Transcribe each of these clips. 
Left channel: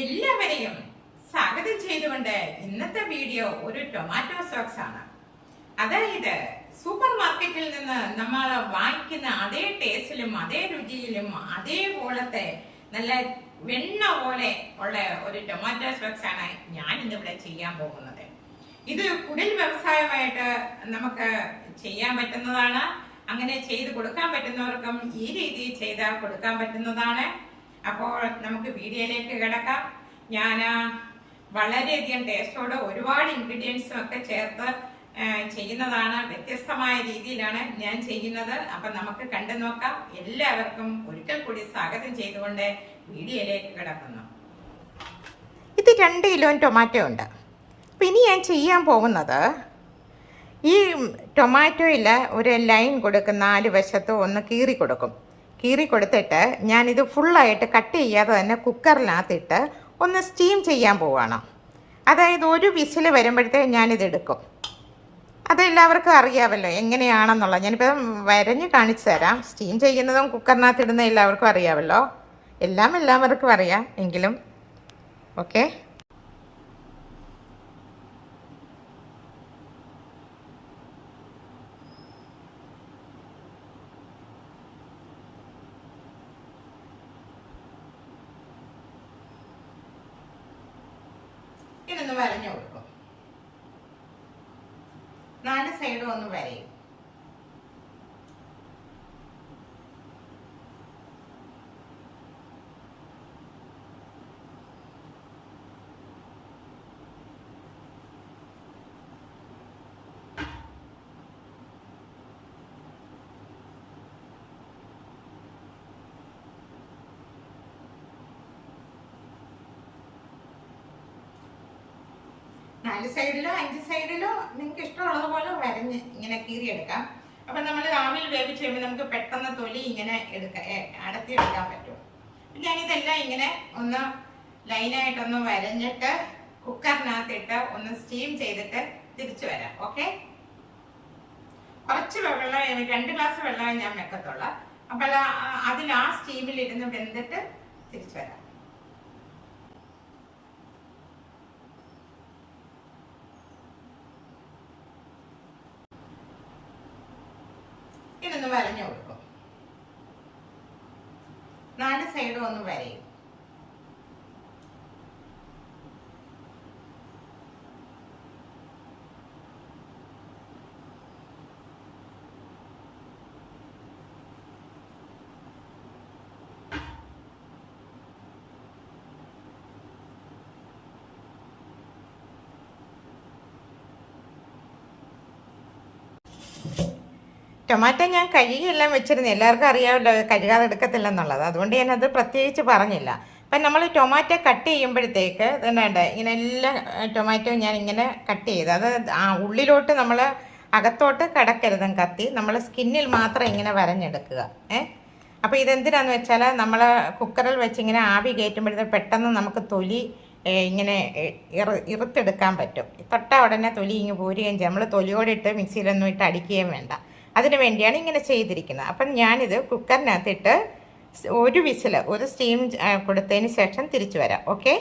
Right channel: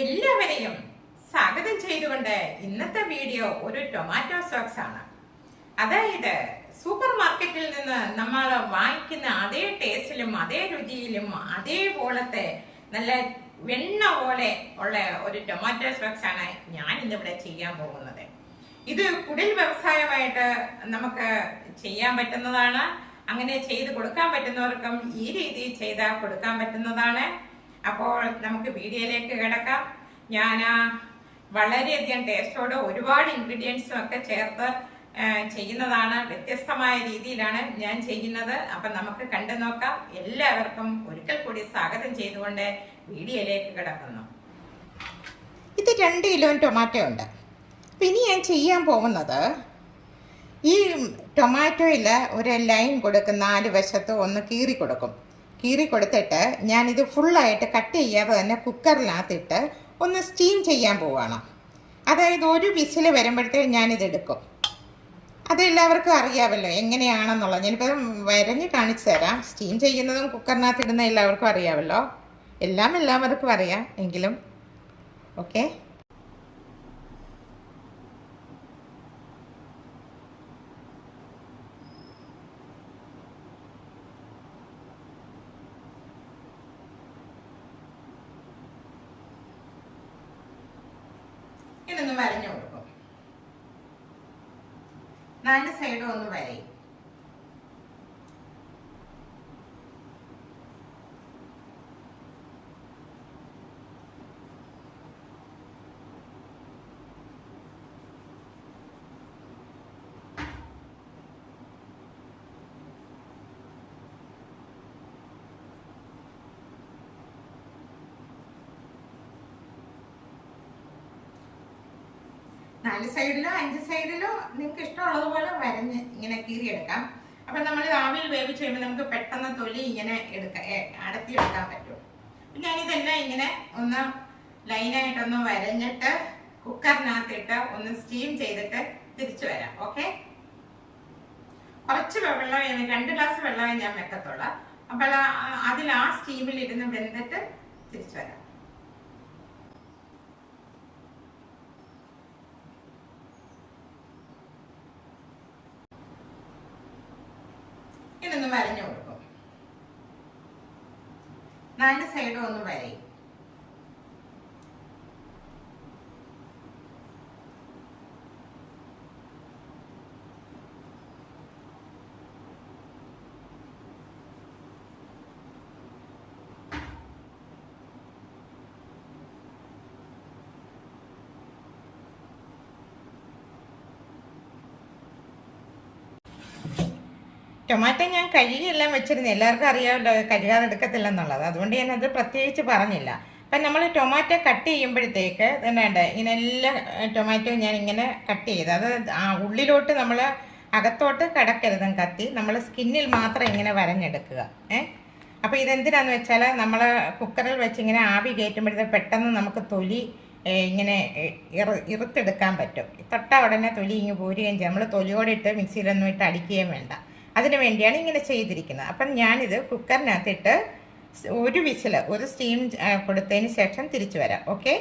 എല്ലാവരെയും സ്വാഗതം ചെയ്തുകൊണ്ട് ഇന്നത്തെ വീഡിയോ ഒരു ടൊമാറ്റോ സോക്സ് ആണ്. അതായത് സൂപ്പർ മാർക്കറ്റിൽ നിന്ന് നമ്മൾ വാങ്ങിക്കുന്ന അതേ ടേസ്റ്റിലും അതേ രുചിയിലും അതേപോലത്തെ നല്ല വെണ്ണ പോലെ ഉള്ള ഒരു ടൊമാറ്റോ സോക്സ് ആണ് ഞാൻ ഇന്നിവിടെ ചെയ്യാൻ പോകുന്നത്. ഇത് കുടിൽ വ്യവസായമായിട്ട് നമുക്ക് ചെയ്യാൻ പറ്റുന്നതാണ്. അങ്ങനെ ചെയ്ത് കൊടുക്കാൻ പറ്റുന്നവർക്കും ഈ രീതിയിൽ ചെയ്താൽ കൊടുക്കാൻ പറ്റുന്നതാണ്. അപ്പോൾ നമുക്ക് വീഡിയോയിലേക്ക് കിടക്കാം. ഞാൻ വളരെയധികം ടേസ്റ്റോട് ഒരുപാട് ഇൻഗ്രീഡിയൻസും ഒക്കെ ചേർത്ത് ചെയ്യുന്നതാണ്. വ്യത്യസ്തമായ രീതിയിലാണ് ഞാൻ ചെയ്യുന്നത്. അപ്പൊ നമുക്ക് കണ്ടു നോക്കാം. എല്ലാവർക്കും ഒരിക്കൽ കൂടി സ്വാഗതം ചെയ്തുകൊണ്ട് വീഡിയോയിലേക്ക് കിടക്കുന്നു. ഇത് 2 കിലോ ടൊമാറ്റോ ഉണ്ട്. അപ്പം ഇനി ഞാൻ ചെയ്യാൻ പോകുന്നത് ഈ ടൊമാറ്റോയിൽ ഒരു ലൈൻ കൊടുക്കും, 4 വശത്തും ഒന്ന് കീറി കൊടുക്കും. കീറി കൊടുത്തിട്ട് ഞാനിത് ഫുള്ളായിട്ട് കട്ട് ചെയ്യാതെ തന്നെ കുക്കറിനകത്തിട്ട് ഒന്ന് സ്റ്റീം ചെയ്യാൻ പോവുകയാണ്. അതായത് ഒരു വിസിൽ വരുമ്പോഴത്തേക്ക് ഞാനിത് എടുക്കും. അതെല്ലാവർക്കും അറിയാമല്ലോ എങ്ങനെയാണെന്നുള്ളത്. ഞാനിപ്പോൾ വരഞ്ഞ് കാണിച്ചു തരാം. സ്റ്റീം ചെയ്യുന്നതും കുക്കറിനകത്ത് ഇടുന്ന എല്ലാവർക്കും അറിയാമല്ലോ. എല്ലാവർക്കും അറിയാം. എങ്കിലും ഓക്കെ. ഇതൊന്ന് വരഞ്ഞു കൊടുക്കും. 4 സൈഡും ഒന്ന് വരയും. നാല് സൈഡിലോ 5 സൈഡിലോ നിങ്ങൾക്ക് ഇഷ്ടമുള്ളത് പോലെ വരഞ്ഞ് ഇങ്ങനെ കീറിയെടുക്കാം. അപ്പൊ നമ്മൾ ആവിയിൽ വേവിച്ച് കഴിയുമ്പോൾ നമുക്ക് പെട്ടെന്ന് തൊലി ഇങ്ങനെ അടത്തിയെടുക്കാൻ പറ്റും. ഞാനിതെല്ലാം ഇങ്ങനെ ഒന്ന് ലൈനായിട്ടൊന്ന് വരഞ്ഞിട്ട് കുക്കറിനകത്തിട്ട് ഒന്ന് സ്റ്റീം ചെയ്തിട്ട് തിരിച്ചു വരാം. ഓക്കെ. കുറച്ച് വെള്ളം, 2 ഗ്ലാസ് വെള്ളമേ ഞാൻ വെക്കത്തുള്ളൂ. അപ്പോൾ അതിൽ ആ സ്റ്റീമിൽ ഇരുന്ന് വെന്തിട്ട് തിരിച്ചു വരാം. ഇതൊന്ന് വരഞ്ഞു കൊടുക്കും. 4 സൈഡും ഒന്ന് വരയും. ടൊമാറ്റോ ഞാൻ കഴുകിയെല്ലാം വെച്ചിരുന്നു. എല്ലാവർക്കും അറിയാമല്ലോ കഴുകാതെ എടുക്കത്തില്ലെന്നുള്ളത്. അതുകൊണ്ട് ഞാനത് പ്രത്യേകിച്ച് പറഞ്ഞില്ല. അപ്പം നമ്മൾ ടൊമാറ്റോ കട്ട് ചെയ്യുമ്പോഴത്തേക്ക് വേണ്ട ഇങ്ങനെ എല്ലാ ടൊമാറ്റോ ഞാൻ ഇങ്ങനെ കട്ട് ചെയ്ത് അത് ഉള്ളിലോട്ട് നമ്മൾ അകത്തോട്ട് കിടക്കരുതും കത്തി. നമ്മൾ സ്കിന്നിൽ മാത്രം ഇങ്ങനെ വരഞ്ഞെടുക്കുക. അപ്പോൾ ഇതെന്തിനാന്ന് വെച്ചാൽ നമ്മൾ കുക്കറിൽ വെച്ച് ഇങ്ങനെ ആവി കയറ്റുമ്പോഴത്തേക്ക് പെട്ടെന്ന് നമുക്ക് തൊലി ഇങ്ങനെ ഇറുത്തെടുക്കാൻ പറ്റും. തൊട്ട ഉടനെ തൊലി ഇങ്ങ് പോരുകയും ചെയ്യും. നമ്മൾ തൊലിയോടെ ഇട്ട് മിക്സിയിലൊന്നും ഇട്ട് അടിക്കുകയും വേണ്ട. അതിന് വേണ്ടിയാണ് ഇങ്ങനെ ചെയ്തിരിക്കുന്നത്. അപ്പം ഞാനിത് കുക്കറിനകത്തിട്ട് ഒരു വിസിൽ, ഒരു സ്റ്റീം കൊടുത്തതിന് ശേഷം തിരിച്ചു വരാം. ഓക്കെ.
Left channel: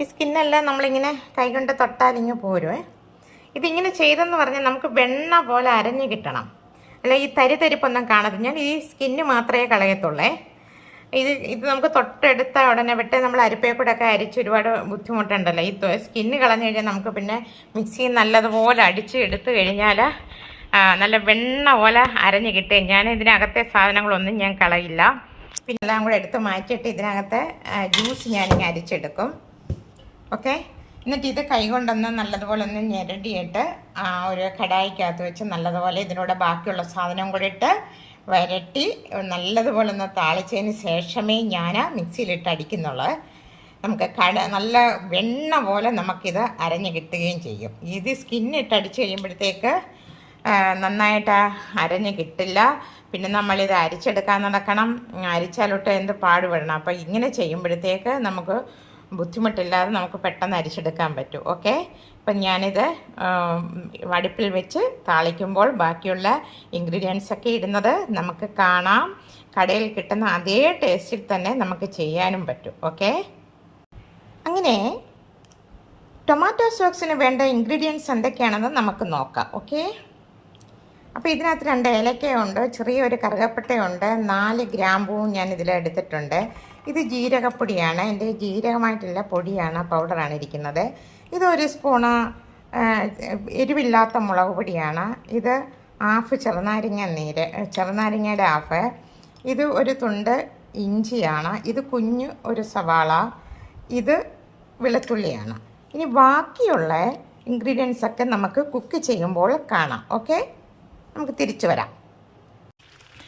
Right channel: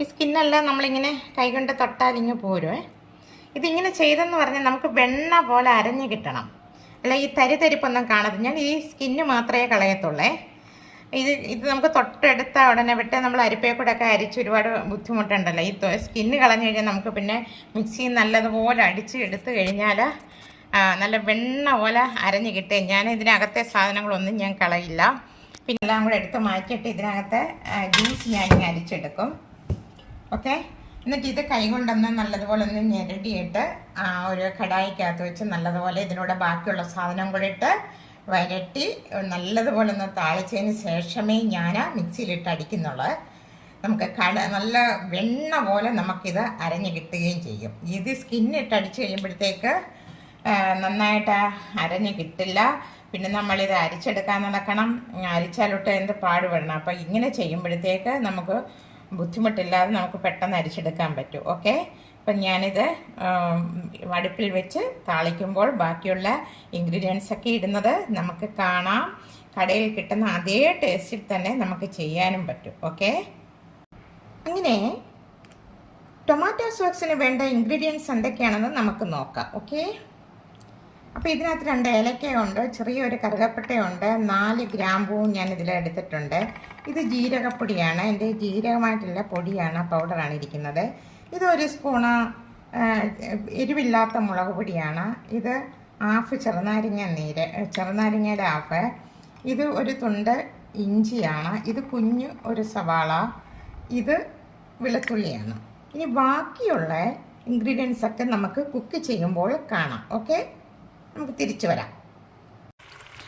ഈ സ്കിന്നെല്ലാം നമ്മളിങ്ങനെ കൈകൊണ്ട് തൊട്ടാലിങ്ങ് പോരും. ഇതിങ്ങനെ ചെയ്തെന്ന് പറഞ്ഞാൽ നമുക്ക് വെണ്ണ പോലെ അരഞ്ഞ് കിട്ടണം. അല്ല ഈ തരിപ്പൊന്നും കാണരുത്. ഞാൻ ഈ സ്കിന്ന് മാത്രമേ കളയത്തുള്ളേ. ഇത് നമുക്ക് തൊട്ടെടുത്ത ഉടനെ വിട്ട് നമ്മൾ അരിപ്പയെ കൂടെ ഒക്കെ അരിച്ച് ഒരുപാട് ബുദ്ധിമുട്ടുണ്ടല്ലോ. ഈ സ്കിന്ന് കളഞ്ഞു കഴിഞ്ഞാൽ നമുക്ക് പിന്നെ മിക്സിയിൽ നല്ലതുപോലെ അടിച്ച് എടുത്തു കഴിഞ്ഞാൽ നല്ല വെണ്ണ പോലെ അരഞ്ഞ് കിട്ടും. ഞാൻ ഇതിനകത്തെ സാധനങ്ങളൊന്നും ഞാൻ കളയില്ല. പിന്നെ എല്ലാം കൂടെ എടുത്ത് മാറ്റിയിട്ട് ഇതിനകത്തെ ജ്യൂസ് ഞാനിങ്ങനെ അരിച്ചെടുക്കും. ഓക്കെ. എന്നിട്ട് ഇത് കൈകൊണ്ടൊന്ന് നല്ലതുപോലെ ഒന്ന് ഞെരടിയിട്ട് ഒരു കടായിക്കകത്ത് വെച്ച് നല്ലതുപോലെ ഇതിനൂടെ ബാക്കിയുള്ള സാധനം കൂടെ ഇട്ട് വരട്ടി നല്ലതുപോലെ ഒന്ന് താളിച്ചതിന് ശേഷമേ ഞാൻ മിക്സിയിലിട്ട് അടിക്കുന്നുള്ളൂ. നമുക്ക് നല്ല വെണ്ണ പോലെ നമുക്കിത് അരഞ്ഞ് കിട്ടുകയും ചെയ്യും. ഇത് സ്കിന്നിട്ട് അടിച്ച് കഴിയുമ്പോഴത്തേക്ക് നന്നായിട്ട് അരഞ്ഞ് കിട്ടില്ല. പിന്നെ നമ്മളിത് അരിച്ചെടുക്കാൻ നടക്കണം. അരിച്ചാലൊട്ട് എന്ത് പാടുപെടണം. അപ്പോൾ ഇങ്ങനെ ചെയ്യുമ്പോഴത്തേക്ക് നമുക്ക് ബുദ്ധിമുട്ടില്ലാതെ നമുക്ക് പെട്ടെന്ന് അരിച്ചെടുക്കാൻ പറ്റും. ഓക്കെ. അപ്പോൾ അപ്പം ഞാനിത് അടുപ്പിൽ വെച്ച് താളിക്കുമ്പോൾ ബാക്കിയുള്ള ഇൻഗ്രീഡിയൻസ് ഒക്കെ ഇടുന്നത് നമുക്ക് കാണാം. കടയിൽ കിട്ടുന്ന അതേ ടേസ്റ്റിൽ തന്നെ നമുക്ക് ചെയ്യാനും പറ്റും. ഓക്കെ, അങ്ങനെ ടൊമാറ്റോ സോസിന് വേണ്ട ഇൻഗ്രീഡിയൻസ് എന്തൊക്കെയാണെന്ന് നമുക്ക് നോക്കാം. ഓക്കെ, അപ്പോൾ ഇതിനകത്ത് 2 ഏലക്കയുണ്ട്, ചെറിയൊരു കറുകപ്പട്ടയുണ്ട്, 4 ഗ്രാമ്പൂവും ഞാൻ ഇതിലെടുത്തിട്ടുണ്ട്. ഇത് ജീരകപ്പൊടിയാണ്, എൻ്റെ ജീരകമായിട്ടുള്ള പൊടിയാണ്, പൗഡറാണ് ഇരിക്കുന്നത്. ഇത് 1 സ്പൂണ് എരിവില്ലാത്ത മുളക് പൊടിയാണ്. ഇത് ഹാഫ് ചെറുനാരങ്ങയുടെ ഹാഫ്. ഇത് 1 തുണ്ട് ഇഞ്ചിയാണ്. ഇത് കുഞ്ഞു 1 സവാള. ഇത് വെളുത്തുള്ളിയാണ്. ഇനി ബാക്കിയുള്ള ഇൻഗ്രീഡിയൻസ് ഒക്കെ നമുക്ക് കുക്ക് ചെയ്യുമ്പോൾ കാണാം. ഓക്കെ, നമുക്ക് തിരിച്ചു വരാം.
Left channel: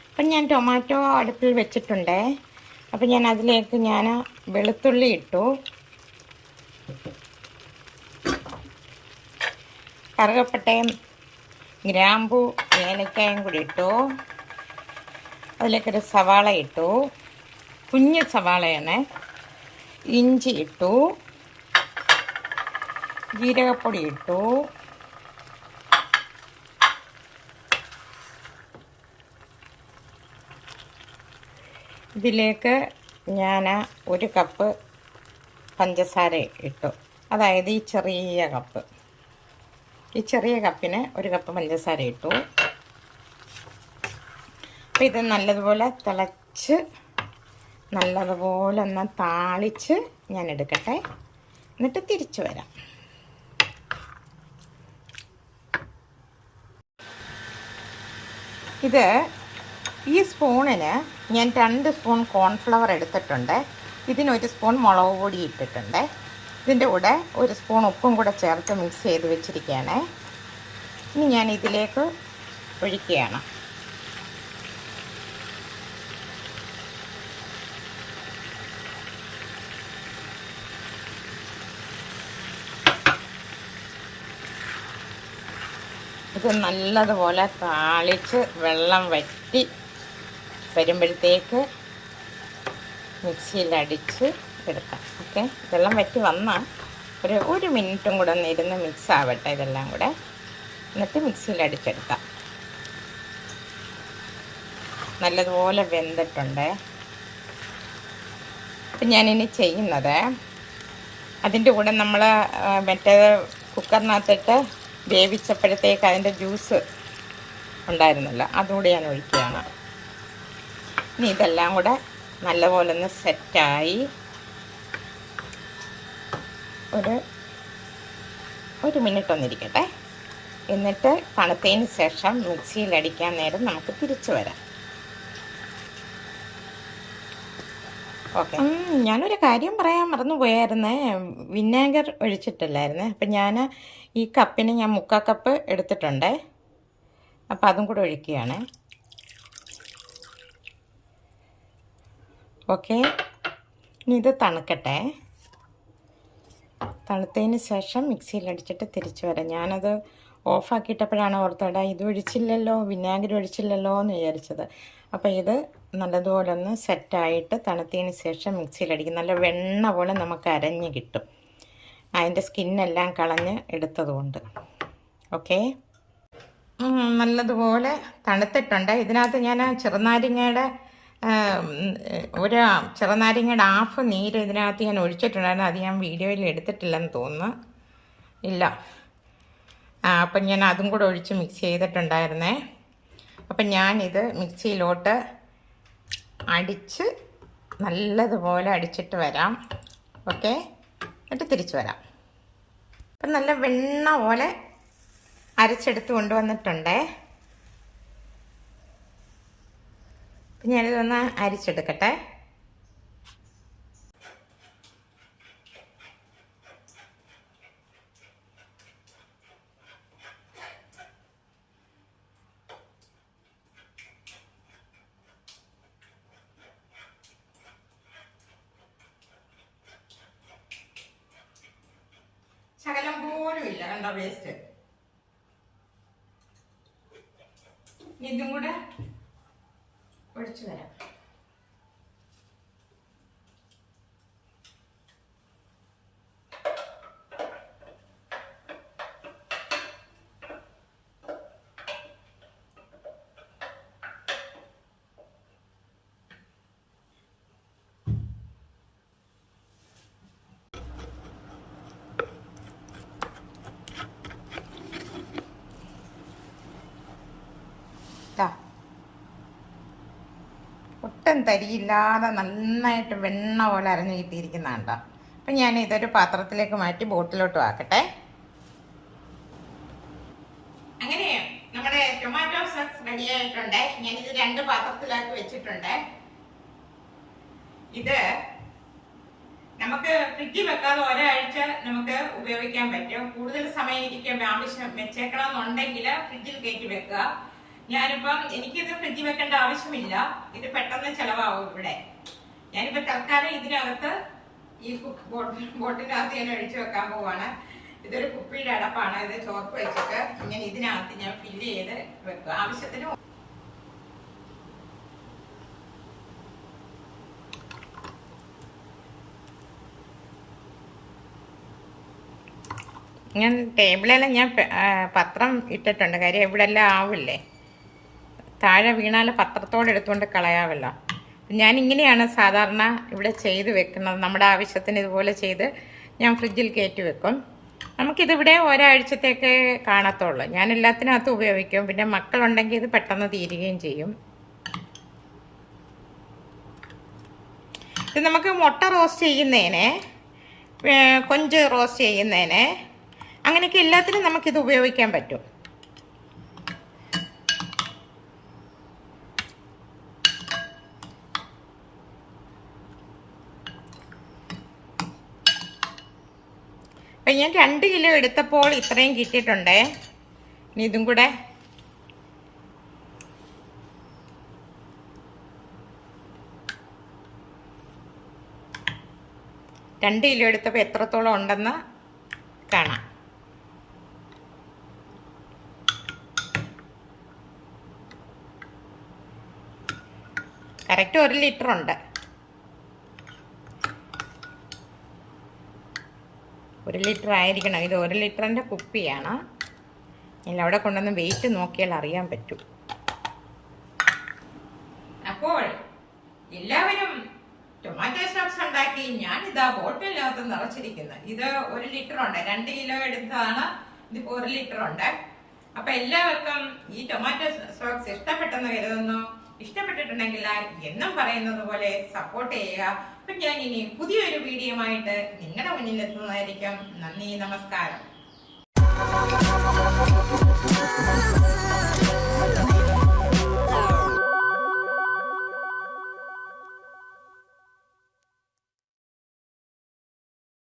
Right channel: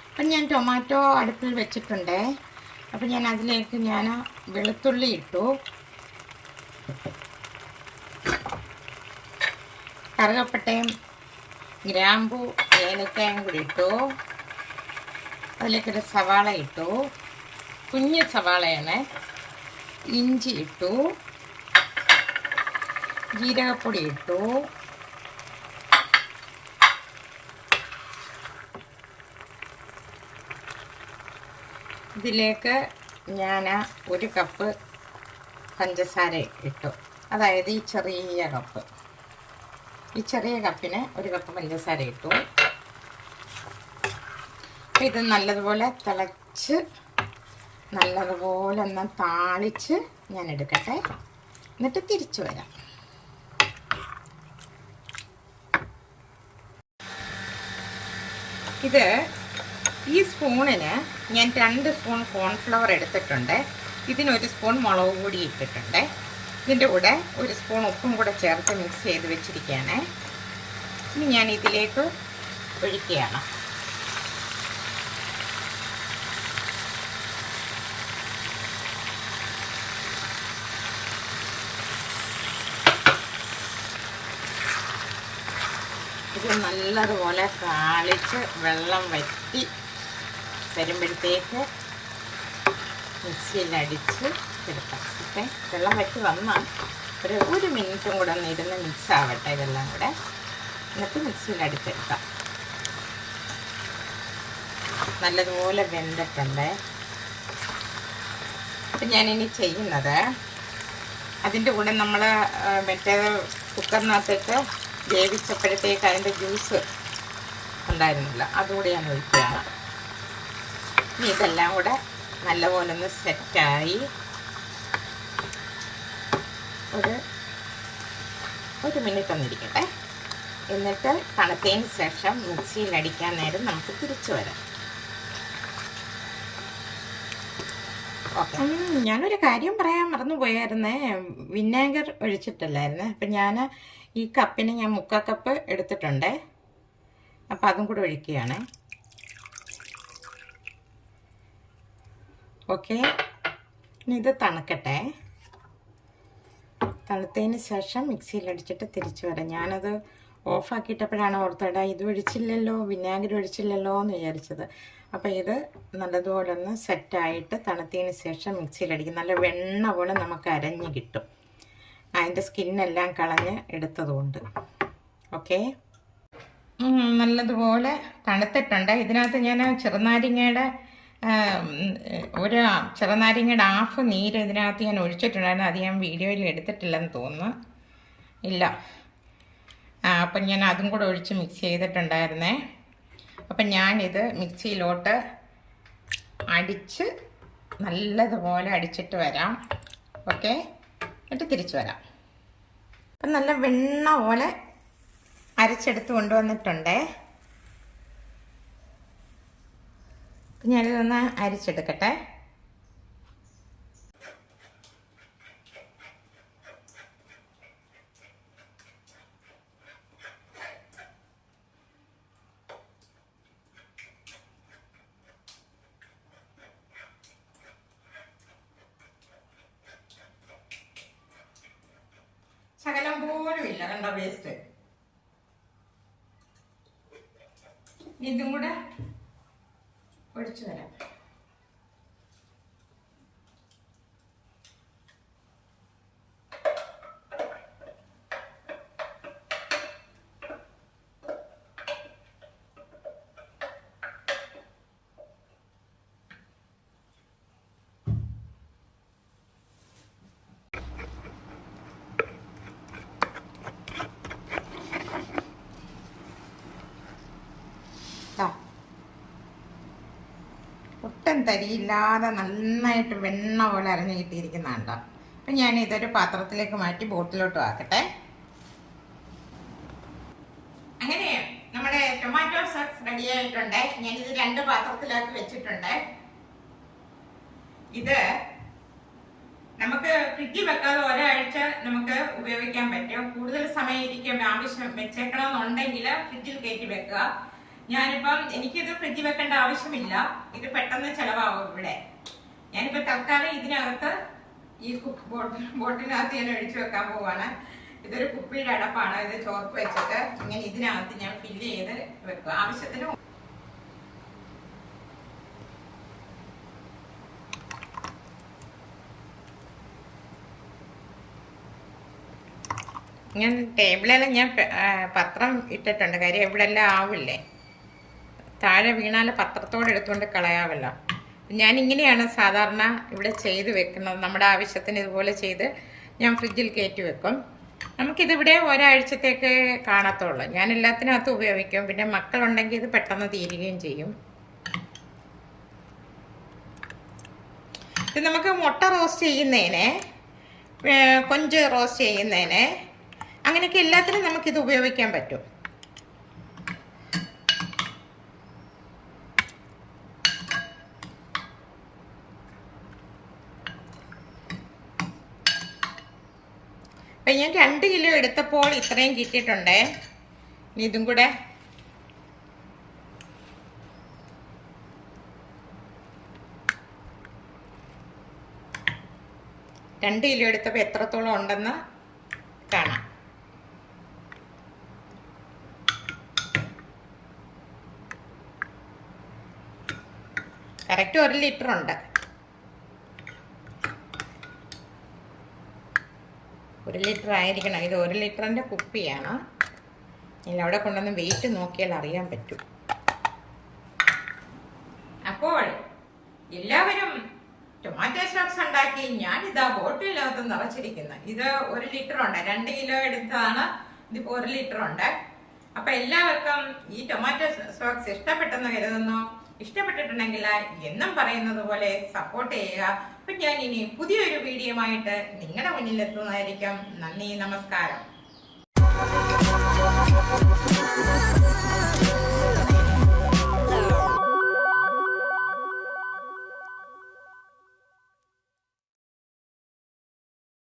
അപ്പം ഞാൻ ടൊമാറ്റോ അടുപ്പിൽ വെച്ചിട്ടുണ്ട്. അപ്പം ഞാൻ അതിലേക്ക് വെളുത്തുള്ളി ഇട്ടു, കറുകപ്പട്ടയും ഗ്രാമ്പു ഏലക്കയും കൂടി ഇട്ടു. അതിലേക്കൊരു സവാള ഇട്ടു, കുഞ്ഞു സവാളയാണ്. ഇഞ്ചി ഇട്ടു, ജീരകപ്പൊടി ഇട്ടു, ഇതിലേക്ക് ഞാൻ 1 കപ്പ് പഞ്ചസാര ഇട്ടു. അതായത് ഈ ചെറിയ കപ്പിന് 1 കപ്പ് പഞ്ചസാര ഇട്ടു. അപ്പോൾ ഇത് നല്ലതുപോലെ തിളച്ച് നല്ലതുപോലെ ഒന്ന് താളിച്ച് ഞാൻ എടുക്കട്ടെ, എന്നിട്ട് തിരിച്ചു വരാം. ഇത് ഈ സ്പൂണിന് ഞാൻ 2 സ്പൂൺ കോൺഫ്ലവർ എടുത്തിട്ടുണ്ട്. ഇതിന് 1 സ്പൂൺ മുളക് പൊടി ഇട്ടിട്ടുണ്ട്. ഇതിൻ്റെ കൂടെ 1 സ്പൂൺ ഉപ്പും കൂടെ ചേർത്ത് മിക്സ് ചെയ്ത് വെച്ചിരിക്കുകയാണ്. ഇനി ഞാൻ ഇതിലേക്ക് ഒഴിക്കുകയാണ്. ഇത് നല്ലതുപോലെ താളിച്ച് വെള്ളം വറ്റി വരുമ്പോഴത്തേക്ക് മിക്സിയിലടിച്ച് എടുക്കാം. ഓക്കെ, വെള്ളം വറ്റി വന്നാൽ ഒരു മിനിറ്റും കൂടെ ഒന്ന് ഇരുന്ന് മിക്സ് ആവട്ടെ ഇതെല്ലാം കൂടെ, എന്നിട്ട് മിക്സിയിലടിച്ചെടുക്കാം. നല്ലതുപോലെ വെന്തിട്ടുണ്ട്. അപ്പം ഞാനിനി ചെയ്യുന്നത്, അതിൻ്റെ കൂടെ നമ്മൾ മറ്റേത് കുക്കറിനകത്തിട്ട് വേവിച്ചപ്പോഴത്തേക്ക് അതിൻ്റെ ജ്യൂസ് ഉണ്ടായിരുന്നല്ലോ, അതുകൂടി ഞാൻ ഒഴിക്കുകയാണ്. ഇനി ഇതെല്ലാം കൂടെ നല്ലപോലെ ഒന്ന് സെറ്റായി ഒരു മിനിറ്റ് ഒന്നിരിക്കട്ടെ. എന്നിട്ട് തണുത്തതിന് ശേഷം മിക്സിയിൽ അടിക്കാൻ നേരം നമുക്ക് തിരിച്ചു വരാം. ഓക്കെ, ഞാനൊരു കാര്യം പറയാൻ മറന്നു പോയായിരുന്നേ, വിനാഗർ ഒഴിച്ചിട്ടില്ലായിരുന്നേ. അപ്പം ഞാൻ ഈ കപ്പിന് ഞാൻ 3/4 കപ്പ് എടുത്തിട്ടുണ്ട്. അപ്പം അതും കൂടെ ഒഴിക്കുകയാണ്. ഓക്കെ, ഇനി ഇത് തണുക്കട്ടെ. തണുത്തതിന് ശേഷം മിക്സിയിൽ അടിച്ചിട്ട് തിരിച്ചു വരാം. ഞാനത് ഓഫാക്കിയിട്ടപ്പോഴാണ് ഓർത്തടാ ഇത് ഒഴിച്ചില്ലല്ലോ, വിനാഗിരി ഒഴിച്ചില്ലല്ലോ എന്ന് വിചാരിച്ചത്. അപ്പോൾ ഇത് നല്ലതുപോലെ ഒന്ന് സെറ്റായിട്ട് തണുത്തതിന് ശേഷം മിക്സിയിലടിക്കും. നല്ല വെണ്ണ പോലെ നമുക്ക് അരഞ്ഞ് കിട്ടും, അതിൻ്റെ സ്കിന്നെല്ലാം കളഞ്ഞ് എടുത്തതുകൊണ്ട്. ഓക്കെ, നല്ലതുപോലെ തണുത്തിട്ടുണ്ട്. ഇതിനകത്ത് ഞാൻ ചെറുനാരങ്ങയുടെ ഹാഫ് നീര് ഇതിനകത്ത് ഞാൻ ഒഴിച്ചിട്ടുണ്ടായിരുന്നു. അത് ഞാൻ വീഡിയോയിൽ എടുത്തിട്ടില്ലെന്ന് തോന്നുന്നു. ഇല്ല, അപ്പം ഞാൻ അതും കൂടെ ഒഴിച്ച് മിക്സ് ചെയ്തിട്ടുണ്ടായിരുന്നേ. അപ്പം ഞാനിത് മിക്സിയിലോട്ട് അടിച്ച് നല്ലതുപോലെ അടിച്ചിട്ട് വരാം. ഓക്കെ, എന്നിട്ട് തിരിച്ചു വരാം. അപ്പം നല്ല വെണ്ണ പോലെ അരച്ചെടുത്ത് കൊണ്ടുവന്നിട്ടുണ്ടേ. അപ്പം ഞാനിതൊന്ന് അരിച്ചെടുക്കട്ടെ. ശകലം പോലും ഇല്ല, കണ്ടോ വേസ്റ്റ്. ഇതും കൂടെ ഒഴിച്ചു തരാം. ഒട്ടും തരിയില്ലാതെ നന്നായിട്ട് വെണ്ണ പോലെ അരഞ്ഞു കിട്ടിയിരിക്കുന്നതാണ്. അപ്പം ഞാൻ ഇതൊരു പാത്രത്തിലേക്ക് മാറ്റി ബോട്ടിലോട്ടും ആക്കട്ടെ. അങ്ങനെ നമ്മുടെ ടൊമാറ്റോ സോസ് റെഡി ആയിട്ടുണ്ട്. ഞാനിത് 2 പാത്രത്തിലാക്കി വെച്ചിട്ടുണ്ട്. ഇത് നമുക്ക് ഫ്രിഡ്ജിൽ വെക്കാതെ ഒരാഴ്ച നമുക്ക് ഉപയോഗിക്കാൻ പറ്റും. കൂടുതൽ സമയം ഇരിക്കാൻ ആവശ്യം വെച്ചേക്കണമെന്നുണ്ടെങ്കിൽ ഫ്രിഡ്ജിൽ കയറ്റി വെക്കുക. ഞാനിപ്പം എനിക്കിത് ഫ്രിഡ്ജിൽ വെക്കേണ്ട ആവശ്യമില്ല. ഇത് പെട്ടെന്ന് ചെലവാകും ഇവിടെ. ഞാനിപ്പോ തൽക്കാലം ഇതിനകത്ത് ഈ ബോട്ടിനകത്ത് ഞാൻ ഒഴിച്ചു വെക്കാൻ പോവാണ്. ഇതൊരു കുപ്പിയുടെ അടപ്പാണ്. ഇത് ചോർപ്പ് വെച്ചിട്ട് ഇങ്ങനെ ഇതിനകത്ത് ഞാൻ ഫില്ല് ചെയ്ത് വെക്കുക. ആവശ്യത്തിന് ഞാൻ ടേബിളെല്ലാം ഞാൻ പത്രം ഇട്ടിട്ടുണ്ട്. കാര്യം ഇവിടെ എല്ലാം ആവില്ലേ, താഴെ വീണാല് പത്രത്തോടെ എടുത്തുകൊണ്ട് കളയാവല്ലോ. ഞാൻ ഇങ്ങനെയാണ് സാധാരണ ഇവിടെ ചെയ്ത് വെക്കുന്നത്. നമ്മുടെ ആവശ്യത്തിന് ഇതുപോലെ ചെയ്ത് ഞാൻ ഫ്രിഡ്ജിൽ കയറ്റി വെക്കും. നമുക്കിതിവിടെ ഒരാഴ്ചത്തേക്ക് കാണത്തുള്ളൂ. ഞാൻ എല്ലാത്തിനകത്ത് ഉപയോഗിക്കും. പിന്നെ മക്കളുണ്ടെങ്കിൽ ഇത് പെട്ടെന്ന് തീരുകയും ചെയ്യും. ഇത് നമുക്ക് മുട്ട റോസ്റ്റ് ചെയ്യുന്നതിന്, കൊഞ്ച് റോസ്റ്റ് ചെയ്യുന്നതിന്, അങ്ങനെയൊക്കെ എല്ലാത്തിനും നമുക്കിത് ഉപയോഗിക്കാൻ പറ്റും. അപ്പം ഞാൻ 2 കിലോ എടുത്തപ്പോൾ ഇത്രയും കിട്ടിയിട്ടുണ്ട്. ഇനി ഇതും കൂടെ രണ്ട് കിലോ എടുത്തപ്പോൾ എത്രത്തോളം ഉണ്ടെന്ന് കാണാം. കറക്റ്റ് 1 ലിറ്റർ ഉണ്ട്. 1 ലിറ്റർ ആയിരിക്കണം. ഇത് 1 ലിറ്ററിൻ്റെ കുപ്പിയാണ്. ഇല്ല, അവിടെ കൊണ്ടുവന്ന് വെയിറ്റ് നോക്കിയാൽ അറിയാൻ പറ്റും. അപ്പോൾ എല്ലാവരും ടൊമാറ്റോ സോസ് ഉണ്ടാക്കി ഞാനിതാ ബോട്ടിലിനകത്ത് നിറച്ചിരിക്കുന്നത്. ഇത് 1 ലിറ്റർ ഉണ്ട്. 2 കിലോ എടുത്തതാണ്. ഇതിപ്പോ 1 ലിറ്റർ ഉണ്ട്. അപ്പൊ എല്ലാവർക്കും ഈ ടൊമാറ്റോ സോസ് ഇഷ്ടപ്പെട്ടെന്ന് കരുതുന്നു. ഇഷ്ടപ്പെട്ടിട്ടുണ്ടെങ്കിൽ എന്നും പറയുന്നത് പോലെ സപ്പോർട്ട് ചെയ്യുക. അപ്പൊ ഞാൻ ഇനി പുതിയൊരു വീഡിയോ ആയിട്ട് നിങ്ങളുടെ മുന്നിൽ എത്തുന്നതായിരിക്കും. നന്ദി, നമസ്കാരം.